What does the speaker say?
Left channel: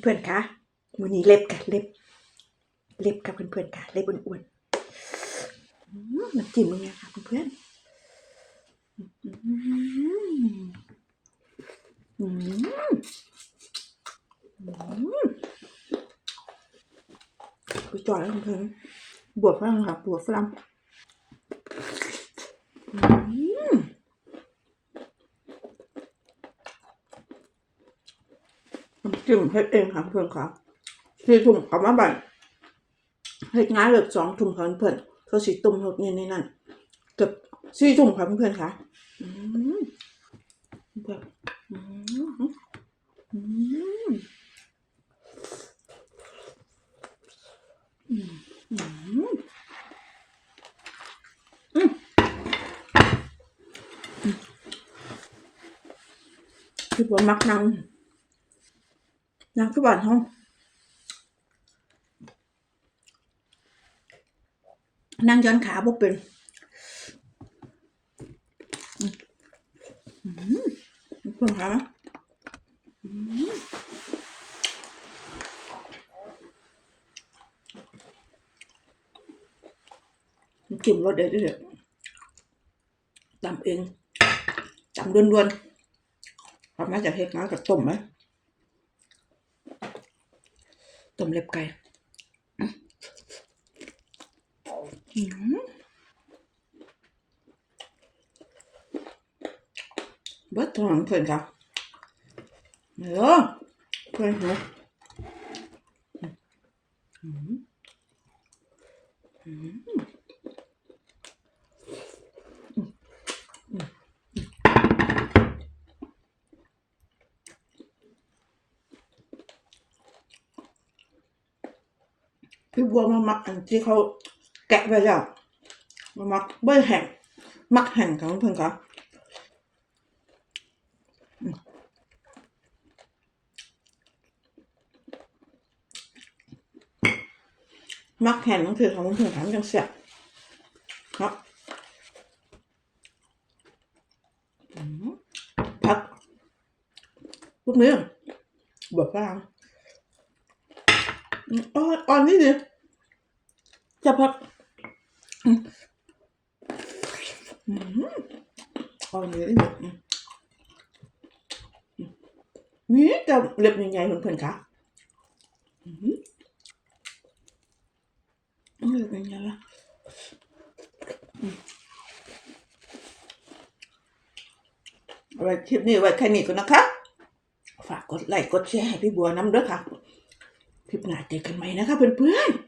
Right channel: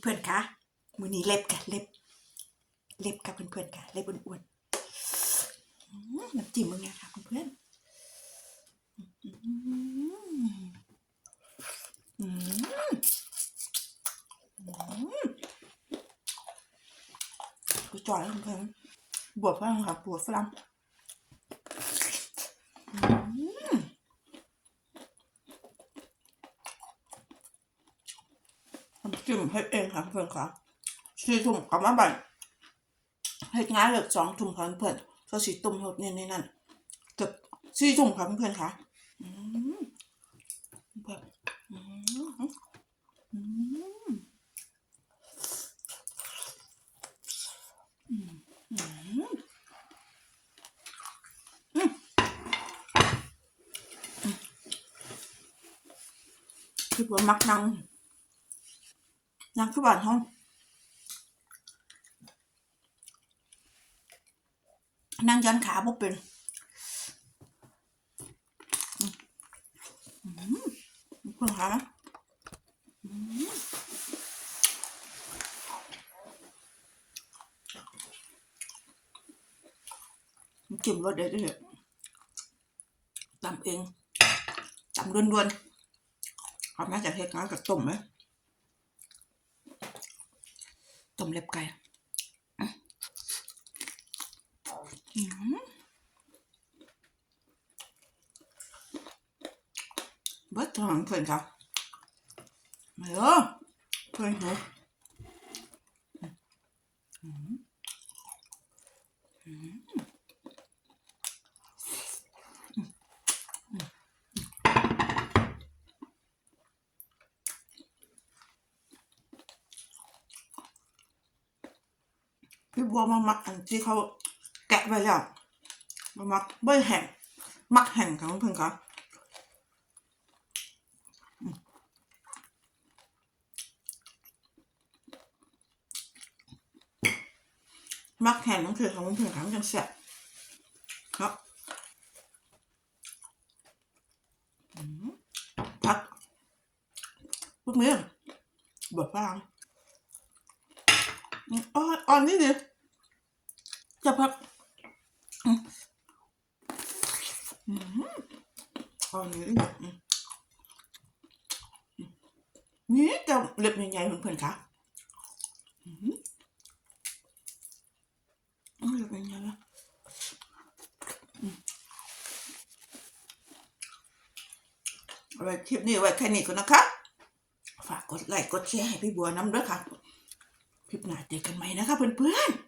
เพื่อนๆคะมือนี้เล็บค่ะเล็บ เล็บค่ะเพื่อนๆค่ะเล็บอ้วนๆอืมน้ำจิ้มมึงไงค่ะเพื่อนๆอืมกูจ่อยเพื่อนๆบวบฝรั่งค่ะบวบฝรั่งอืมน้ำ จิ้มเฮ็ดเองค่ะเพื่อนค่ะสี่ถุงกลับมาบ้านเฮ็ดงานเลิกสองถุงค่ะเพื่อนก็สิตุ่มหดนี่ในนั้นเกือบสี่ถุงค่ะเพื่อนค่ะอืมเพื่อนอืมอืมอืมอืมอืมคือว่ามักนั่ง นั่งคือบ้านห้องนั่งย้อนขาบ่เป็นอืมอืมเพื่อนขาไหมจุ่มรสเด็ดเด็ดตำเองตำด้วนๆเอาม่จะเทน้ำกับต้มไหม ต้มเล็บไก่เบิดทองเพื่อนจ้ะเออเพื่อนหนูอืมอืม พี่บัวมามักอันที่เขาแกะไปแล้วมามักเบอร์แห่งมักแห่งของเพื่อนครับอืมมักแห่งนั่นคือของเพื่อนครับจังเสียครับอืมพักพวกนี้แบบฝรั่ง อ่อนอ่อนนี่ดิจะพักอืมอืมอ่อนนี่ดิอืมมนี่จะเล็บใหญ่ๆเพื่อนๆคะอืมเล็บใหญ่ๆละเอาไว้คลิปนี้ไว้แค่นี้ก่อนนะคะ ฝากกดไลค์กดแชร์ให้พี่บัวน้ำด้วยค่ะ คลิปหน้าเจอกันใหม่นะคะเพื่อนๆ